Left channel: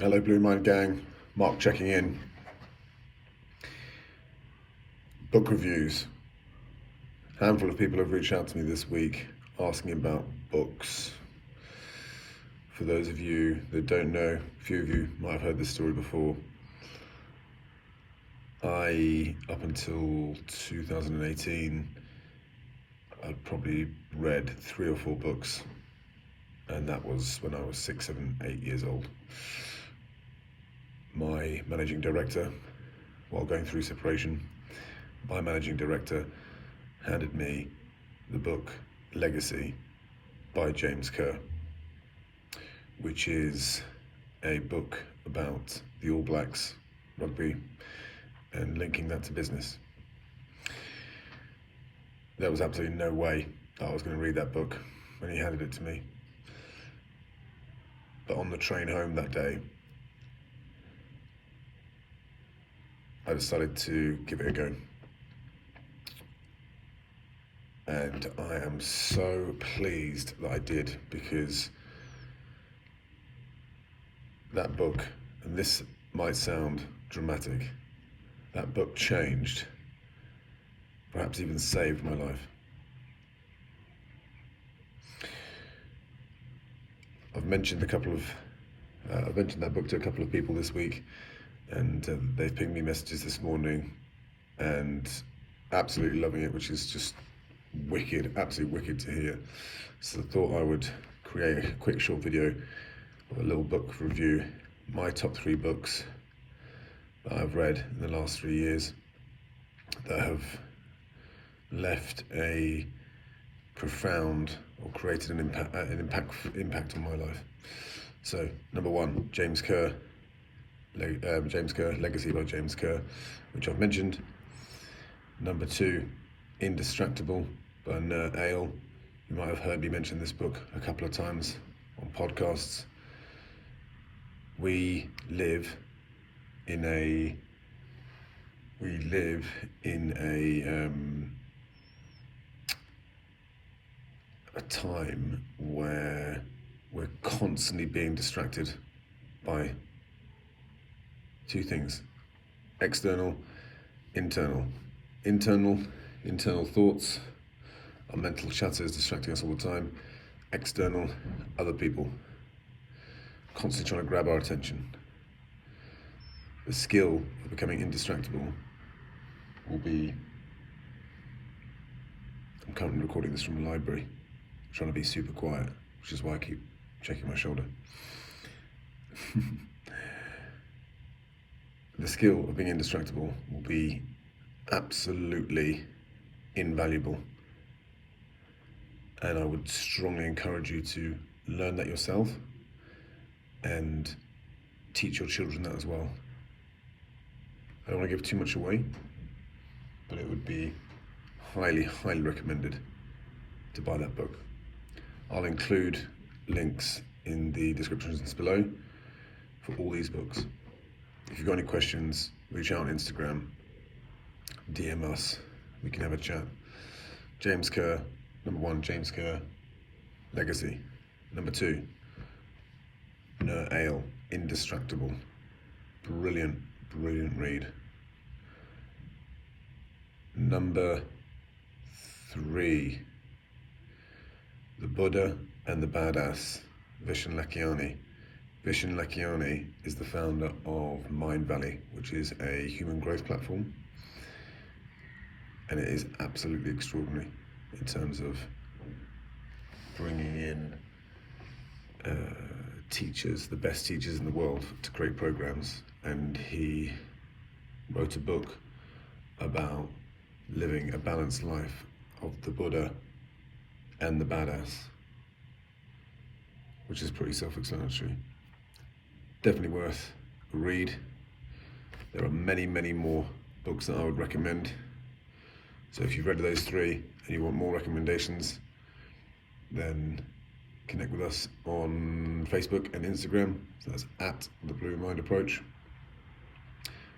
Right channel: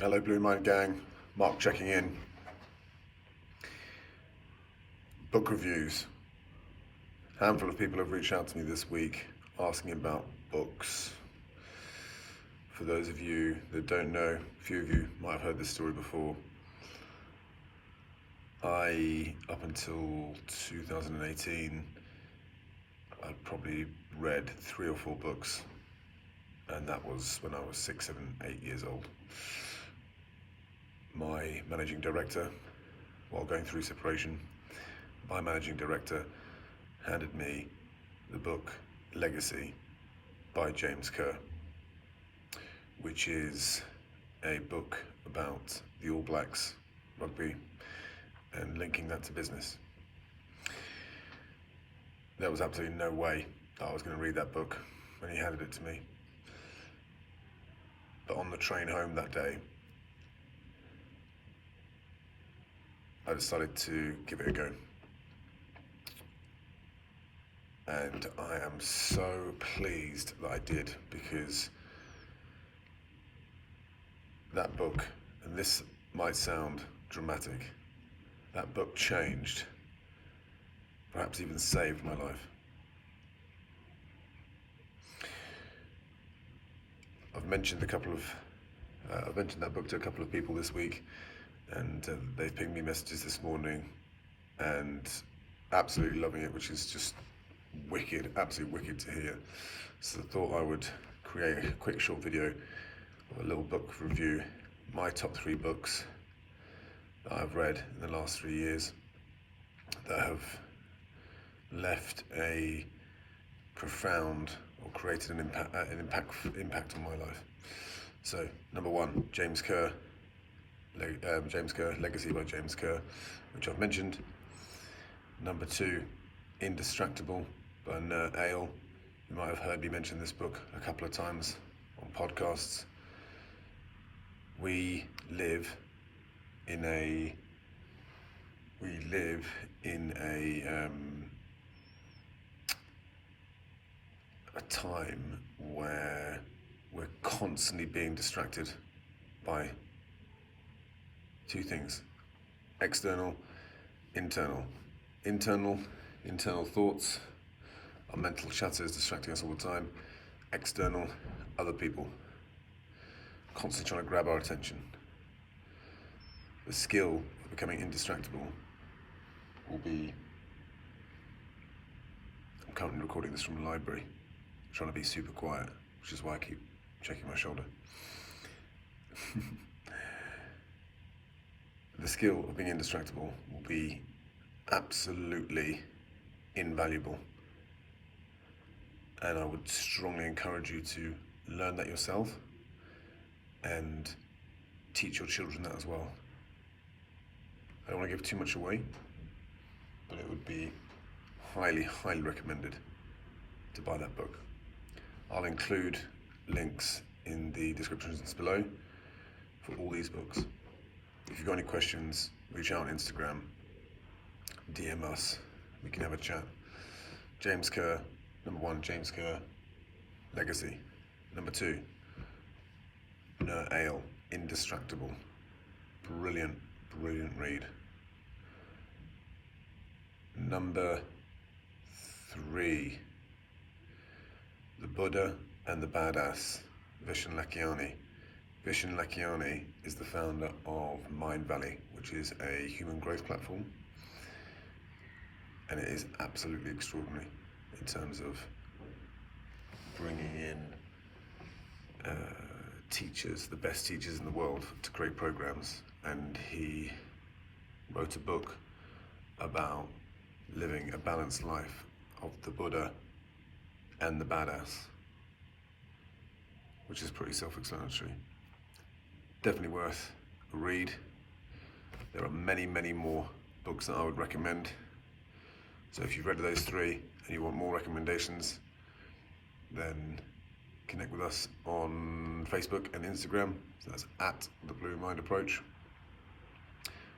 Hello, Blue Mind Gang. Mark checking in. Book reviews. A handful of people have reached out to me this week asking about books. For those of you that don't know, a few of you might have heard this story before. Up until 2018, I'd probably read 3 or 4 books, and that was when I was 6, 7, 8 years old. My managing director, while going through separation, my managing director handed me the book Legacy by James Kerr, which is a book about the All Blacks rugby and linking that to business. There was absolutely no way I was going to read that book when he handed it to me. But on the train home that day, I decided to give it a go. And I am so pleased that I did, because that book, and this might sound dramatic, that book changed, perhaps even saved my life. I've mentioned that book to a couple of people this week, and they've pinged me messages this morning and absolutely loving it, which is just wicked, absolutely wicked to hear. So I thought I would create a quick short video of a little book review, my top 3 books that I've read in the last 3 years that have left a profound or created an impact on my life. So, number 1, James Kerr, Legacy by James Kerr, which I've mentioned. Number 2, Indistractable by Ner Ale. You might have heard me mention this book a couple of times on podcasts. We live in a time where we're constantly being distracted by 2 things: external, internal. Internal thoughts, our mental chatter is distracting us all the time. External, other people constantly trying to grab our attention. The skill of becoming indistractable will be, I'm currently recording this from the library, trying to be super quiet, which is why I keep checking my shoulder. The skill of being indistractable will be absolutely invaluable, and I would strongly encourage you to learn that yourself and teach your children that as well. I don't want to give too much away, but it would be highly recommended to buy that book. I'll include links in the descriptions below for all these books. If you've got any questions, reach out on Instagram, DM us, we can have a chat. James Kerr, number 1, James Kerr, Legacy. Number 2, Ner Ale, Indistractable. Brilliant read. Number 3, The Buddha and the Badass, Vishen Lakhiani. Vishen Lakhiani is the founder of Mind Valley, which is a human growth platform, and it is absolutely extraordinary in terms of bringing in teachers, the best teachers in the world, to create programs. And he wrote a book about living a balanced life of the Buddha and the Badass, which is pretty self-explanatory. Definitely worth a read. There are many more books that I would recommend. So if you've read those 3 and you want more recommendations, then connect with us on Facebook and Instagram. So that's at The Blue Mind Approach.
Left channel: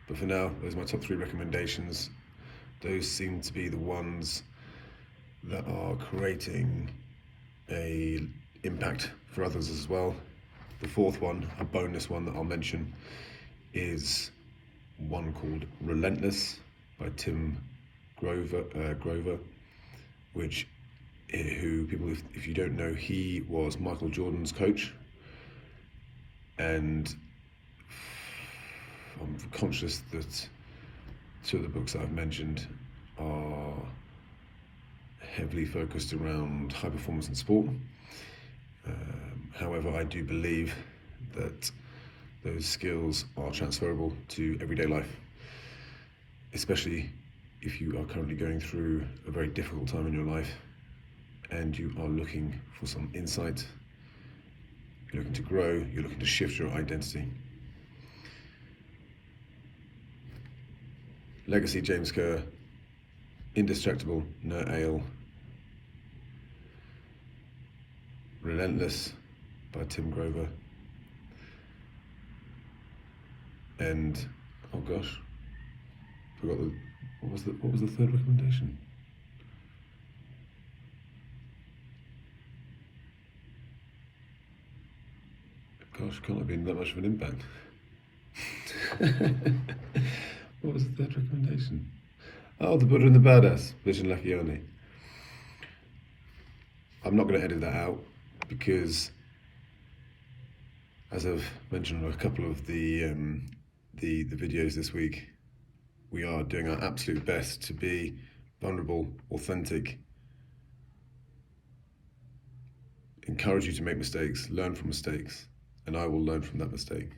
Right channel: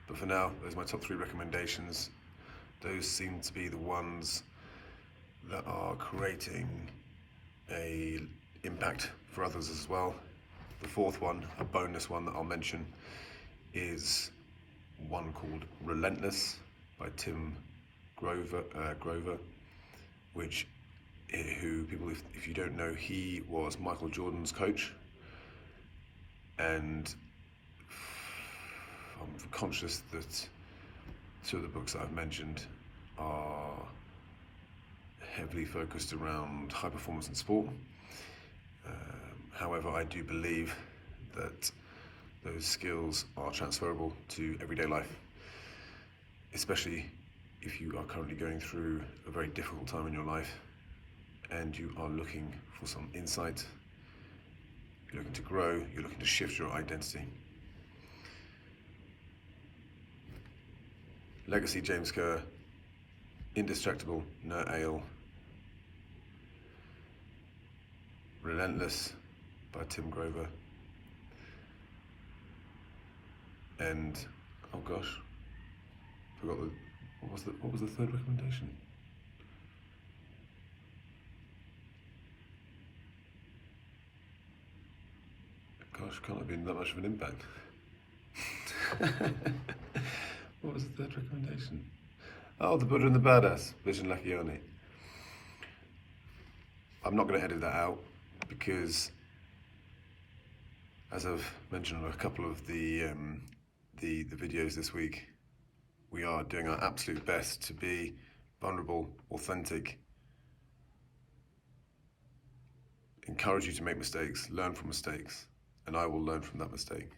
But for now, those are my top 3 recommendations. Those seem to be the ones that are creating a impact for others as well. The fourth one, a bonus one that I'll mention, is one called Relentless by Tim Grover, which, who people, if you don't know, he was Michael Jordan's coach, and I'm conscious that two of the books that I've mentioned are heavily focused around high performance in sport. However, I do believe that those skills are transferable to everyday life, especially if you are currently going through a very difficult time in your life and you are looking for some insight, you're looking to grow, you're looking to shift your identity. Legacy, James Kerr. Indestructible, No Ale. Relentless by Tim Grover. And oh gosh, forgot what was the third recommendation? Gosh, can't have been that much of an impact. What was the third recommendation? Oh, The Buddha and the Badass, Vishen Lakhiani. I'm not going to edit that out because, as I've mentioned on a couple of the videos this week, we are doing our absolute best to be vulnerable, authentic, encourage you to make mistakes, learn from mistakes, and I will learn from that mistake.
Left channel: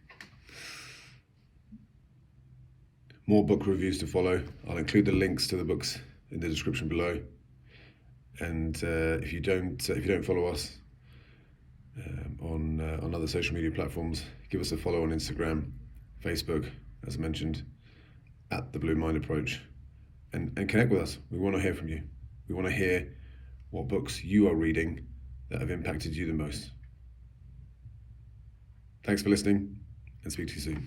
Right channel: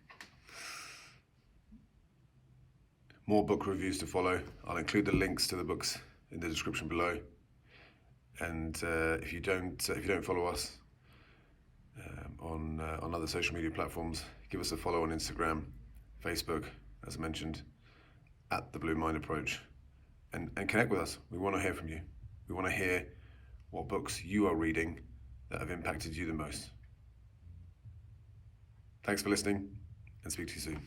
More book reviews to follow. I'll include the links to the books in the description below. And if you don't follow us on other social media platforms, give us a follow on Instagram, Facebook, as I mentioned, at The Blue Mind Approach, and connect with us. We want to hear from you. We want to hear what books you are reading that have impacted you the most. Thanks for listening, and speak to you soon.